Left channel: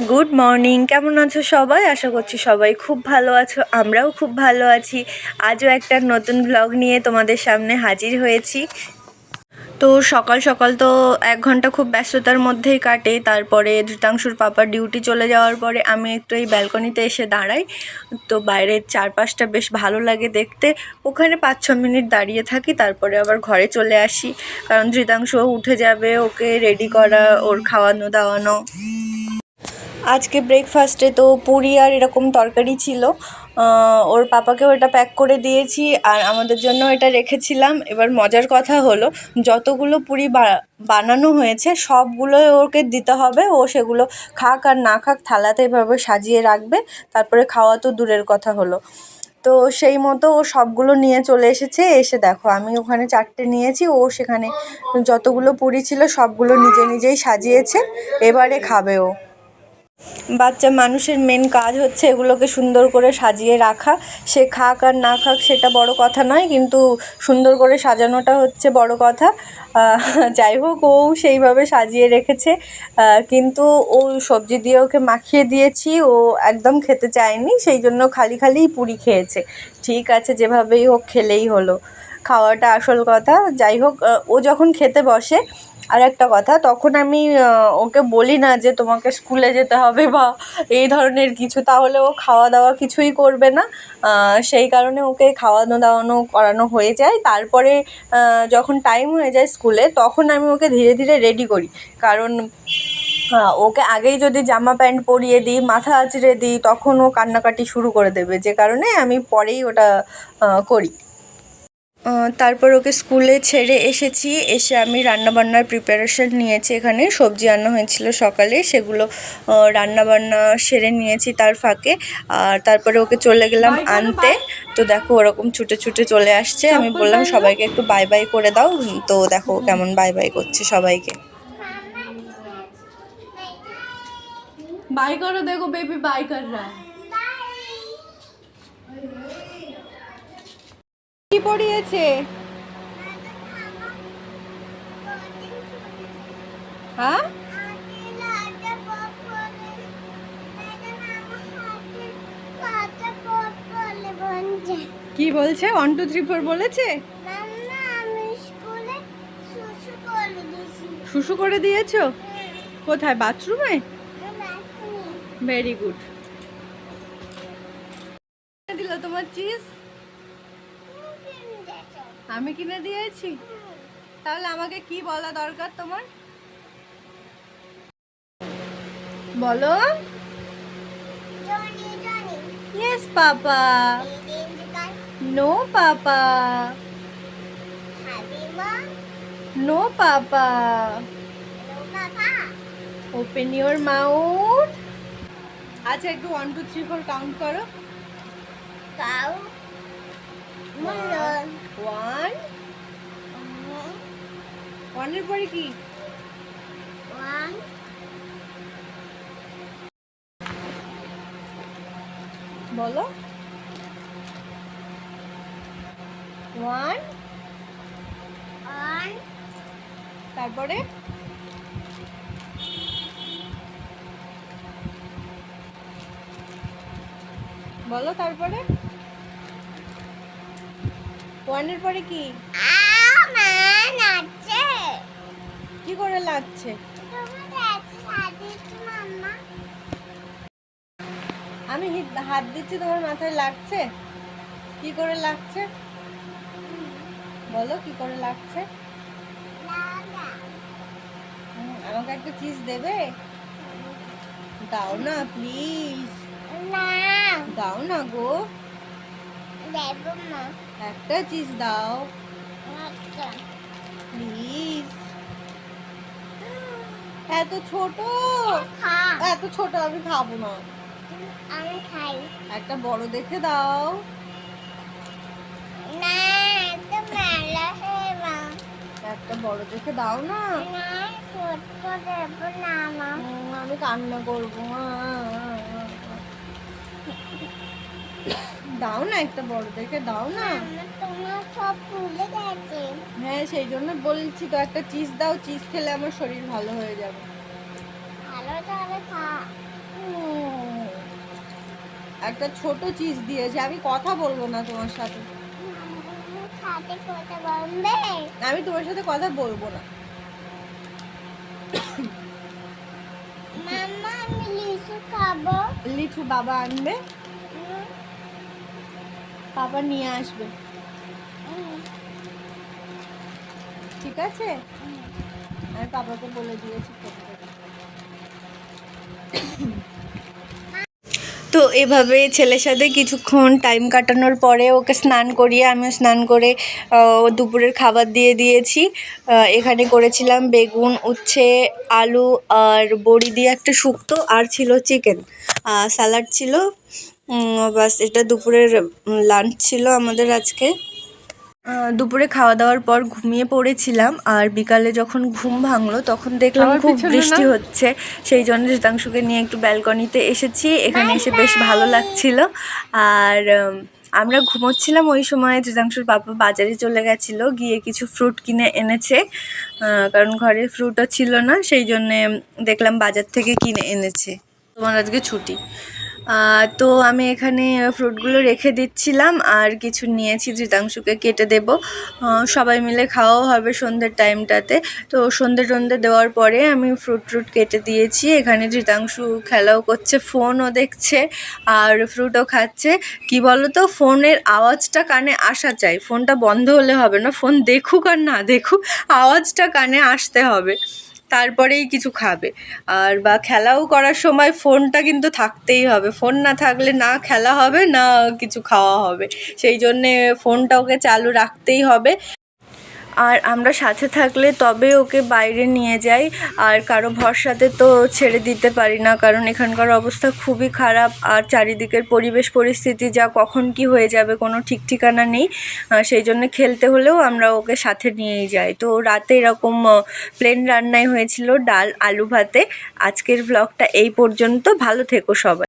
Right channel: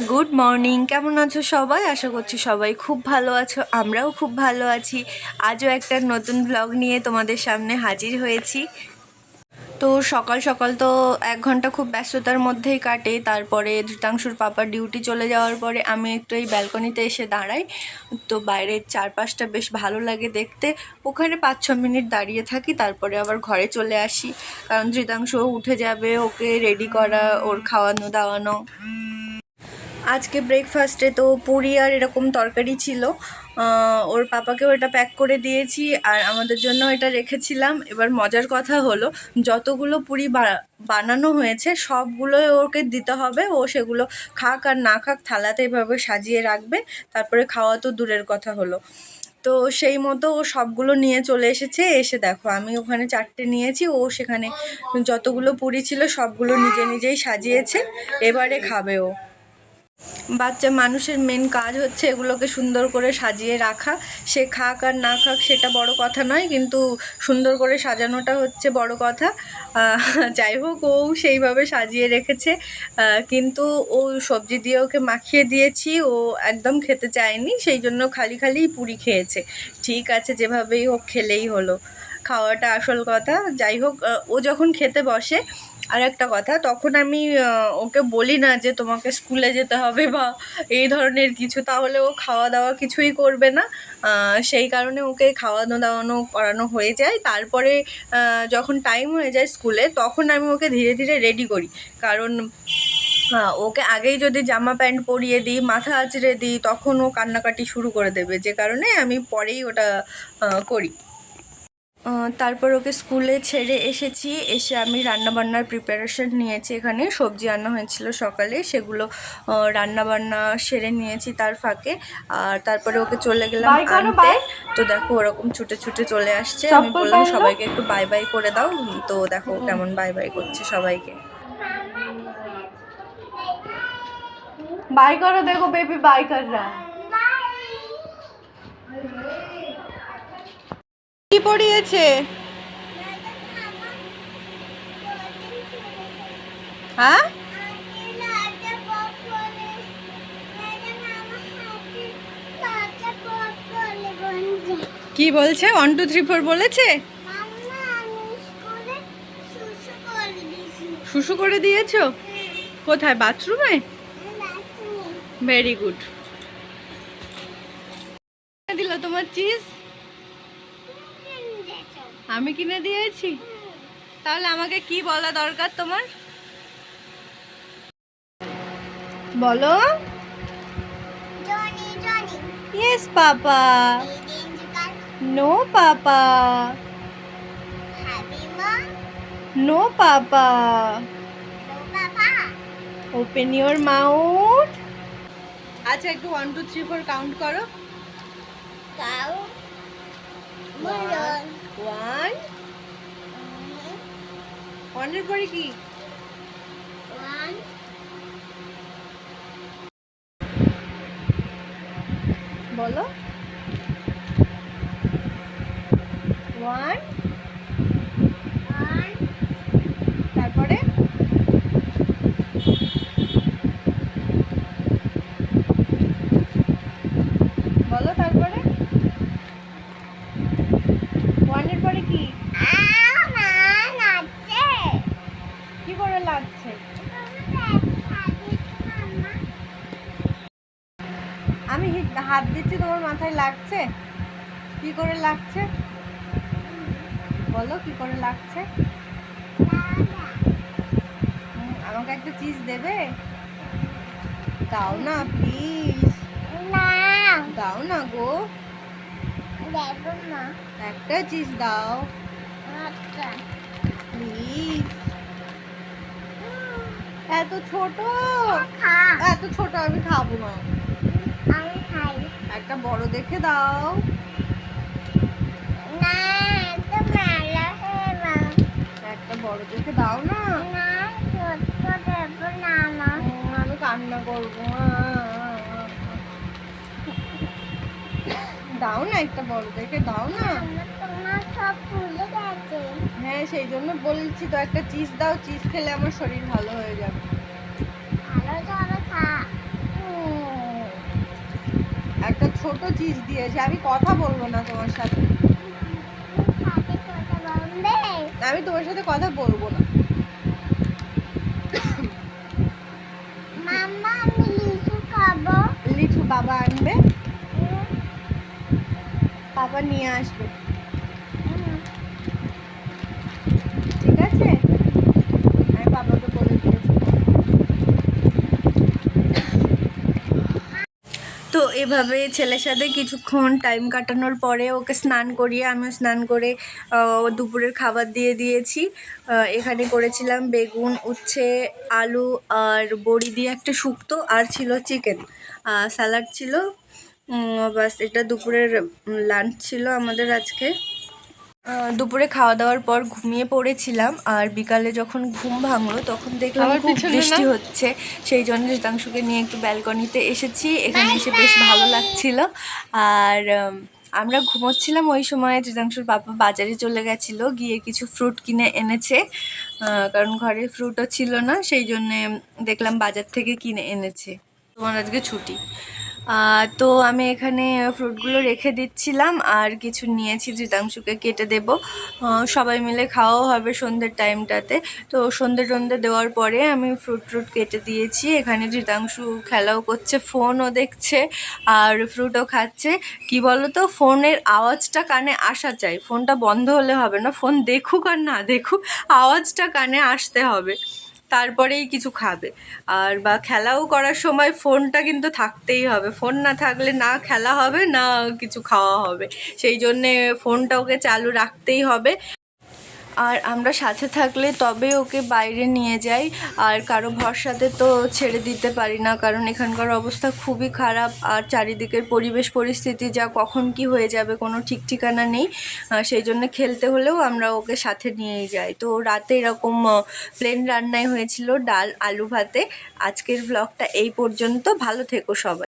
Good morning, কেমন আছো সবাই? আশা করছি সবাই খুব ভালো আছো, আমরাও খুব ভালো আছি। আজও একটা নতুন ব্লগ নিয়ে তোমাদের সামনে হাজির হয়েছি। তো সকাল সকাল তো 1 ঘন্টা খুব ব্যস্ততার মধ্যেই কাটে। তারপরে ধৃতাংশুর পাপার ডিউটি চলে যাওয়ার পরে আমি একটু এই ব্যালকনিতে এসে দাঁড়াই। তো বাইরের চারপাশটা বেশ ভালো লাগে দেখতে। ওখানে 5-6 মিনিট দাঁড়িয়ে থাকি, তারপরে আবার ঘরে চলে আসি, কারণ ধৃতাংশুও উঠে যাবে, ওকে রেডি করা, ওর খাওয়ানো দাওয়ানো। আজকে ব্রেকফাস্টে তো পুরি আর এরকম তরকারি ছিল। ওর পাপাকেও এটা প্যাক করে দিয়েছি আর আমাদের জন্য এটা রেখেছিলাম। এবার মজার কথা হলো, যতগুলো পুরি বানানো হয়েছে সবগুলোই ওকে দিতে হবে। ও সেগুলো খাক আর না খাক থালাতে এভাবে সাজিয়ে রাখবে, তারপরে খাওয়া তো দূরের কথা হলো। তো সেই মতো ও সবগুলো নিয়ে চলে এসেছে। এসে দেখো, আমি ওখানে 4টে নিয়েছি, ও সেখানে যতগুলো পুরি ছিল সবগুলো নিজে নিজেই সাজিয়েছে। এবারে খাবে ও। বাচ্চা মানুষের মেন কাজ হচ্ছে এগুলোকে সুন্দর করে সাজিয়ে রাখা। সে খাক আর না খাক সেটা বড় কথা নয়, কিন্তু সুন্দর করে সাজানোটা হচ্ছে বড় কথা। যাই হোক, ও সেইভাবে সাজিয়ে রেখেছে। কিন্তু ও সবজি দিয়ে ওকে মাখিয়ে দিয়েছি, ও একদম খেতে চায়নি, সেই জন্য খালি খালিই পুরি খেয়েছে। ঠিক আছে, যেভাবেই হোক খেলেই হলো, খাওয়াটা আসল কথা। যাই হোক, ও যখন খেতে বসে, আর একটা কথা, তখন আমি ওকে বলি না যে তোমাকে স্কুলে যেতে হবে বা এই ধরনের কিছু, তাহলে ও খাওয়া দাওয়া কিছুই করবে না। সেই কারণে ওকে খাওয়ানো দাওয়ানো করানো হয়ে যায়। তারপরে যখন টাইম হয়ে যায় স্কুলে, তখন আমি ওকে ধীরে ধীরে রেডি করি। কারণ ওকে আগেই যদি জামা প্যান্ট পরিয়ে দিই, মাথা আঁচড়ে দিই, তখন ও কান্নাকাটি শুরু করে দেবে, যে কারণে আমি পরেই ওটা করি। তারপর ওকে স্কুলে ছেড়ে এসেছি। এসে আমি রান্নাবান্নার প্রিপারেশান নিয়েছি। এখানে সবজি আনা হয়েছিল সকালে, সেগুলো রান্নাবান্না সেরে নিয়েছি তার ফাঁকে। আর তারপরে ওকে চলে গেলাম আনতে। তো দেখো, ওরকম ছুটে ছুটে চলে আসছে। আমি বললাম সবাইকে একটু বাই বাই করে দাও। তো দেখো কেমন বাই বাই করছে সবাইকে। বাই করো, দেখো বেবি বাই কর রা। কি পড়িয়েছে? হ্যাঁ, কি বলছে? 1 2 3 4 বলেছে? শুশু করে দিয়েছো? কোথায়, বাথরুমে? Very good. দিল তোমার চিজ? আমি কিনে দিয়েছি? তাহলে আমাকে কি বলা দরকার তোমার? বলো। Yes papa. No papa. No papa. Open your mouth. আচ্ছা, একটু 1 2 3 4 কাউন্ট করো। 1 1 এর পরে কি? বলো। 1, তারপরে বলো, তারপরে 1 এর পরে কি? কি করে লাগছে? আমি হাত দিচ্ছি, তোমার মাথায় লাগছে? কি করে লাগছে বলো, কি করে লাগছে? আমাকে একটা চিজ দেবে? দাও না প্লিজ, দাও না গো, একটা চিজ দাও প্লিজ। এত ছোট, এত ছোট আমি খাবো না। একটা বড় দেখে দাও। একটা বড় দেখে দাও না। আমি কান্না করবো। দাও না, একটা বড় দেখে দাও না। হ্যাঁ, সেই জন্য বলছি তো, একটা চিজ দাও, চিজ খেলে আমার শরীর ভালো হয়ে যাবে। একটা ছোট চিজ দিয়েছে। আমি কথা বলবো না তোমার সাথে। আমি তোমার সাথে কথা বলবো না। মাম্মা আমি লিচু খাবো। লিচু বাবা আনবে, বাবা নিয়ে আসবে, ঠিক আছে? আমি বাবাকে বলে দিয়েছি। তো এভাবে ছেলের সাথে কিছুক্ষণ টাইম কাটানোর পরে ওকে স্নান করিয়ে আমিও স্নান করে দুপুরের খাবার দিয়ে দিয়েছি। এখানে করেছিলাম বেগুন, উচ্ছে, আলু আর বড়ি দিয়ে একটা শুক্তো, আর ছিল চিকেন, স্যালাড ছিল। বাস, এটা দুপুরের লাঞ্চ ছিল আমাদের আজকে। দুপুরে খাওয়া দাওয়ার পর ঘুমিয়ে পড়েছিলাম, আর বিকালে যখন ঘুম ভাঙলো তখন দেখলাম খুব বৃষ্টি হচ্ছে। সেই জন্য ঋতাংশুকে নিয়ে একটু ব্যালকনিতে এসেছি। এখানে এসে বেশ ভালো লাগছিল। আর আমরা ঘুমোচ্ছিলাম ওই সময় ঋতাংশুর বাবা বাজারে চলে গেছিলো, গিয়ে কিছু ফ্রুট কিনে এনেছে, কারণ ঘরে ফ্রুটও ছিল না, সেই জন্যে দেখলাম বাজার থেকে কিনে এনেছে। তোমার আজকে ছুটি। তো আমি এখানে ফ্রুটগুলো রেখে দিচ্ছিলাম, আর কিছু নিয়েছি ঋতাংশুকে কেটে দেব। সবাই মিলে খাওয়াও হবে সন্ধ্যের টাইমটাতে। তো সন্ধ্যে দেওয়ার পরে আমি ফ্রুট কেটে দিয়েছি। এখানে ঋতাংশু খেলাও করছে, ফোনও দেখছে আর ফ্রুটও খাচ্ছে। কি বলো তো, ফোনের আওয়াজটা কানে আসা চাই, ফোনটা বন্ধ হলে হবে না। ফোন দেখুক আর না দেখুক, আওয়াজটা কানে আসতে হবে, তারপরেই কিছু খাবে। আর বা খেলাও করার সময় ফোনটা কিন্তু থাকতেই হবে। ফোন না থাকলে না খেলা হবে, না কিছু খাওয়া হবে। সেই জন্যে ফোনটা ওকে চালু রাখতেই হবে। আর আমরা সাথে থাকলে তবে ওকে বাইরে নিয়ে যাই, আর কারো ভরসাতে তো ছেড়ে দিতে পারি না, কারণ এখানকার অবস্থা খুবই খারাপ। আর চারিদিকের পরিবেশ পরিস্থিতি যা, কখন কি হয়ে যাবে কোনো ঠিক ঠিকানা নেই। সেই জন্য খেলতে হলেও আমরা ওকে সাথে নিয়েই যাই। তো রাতে এরকম প্লেন রান্নাই হয়েছিল, ডাল আলু ভাতে। আজকের ভ্লগটা এই পর্যন্ত। ভালো থেকো সবাই।